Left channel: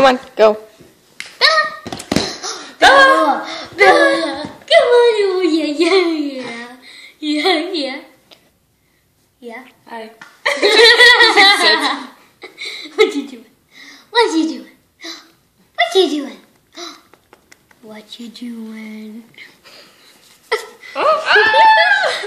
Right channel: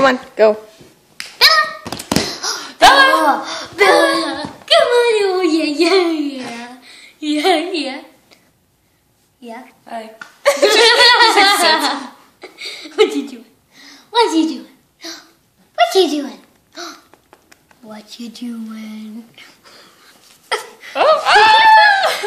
Come on, go. Bella, Bella, come on, oh yeah. Hi. What you doing? What you doing? What you doing? What you doing? Oh, ah!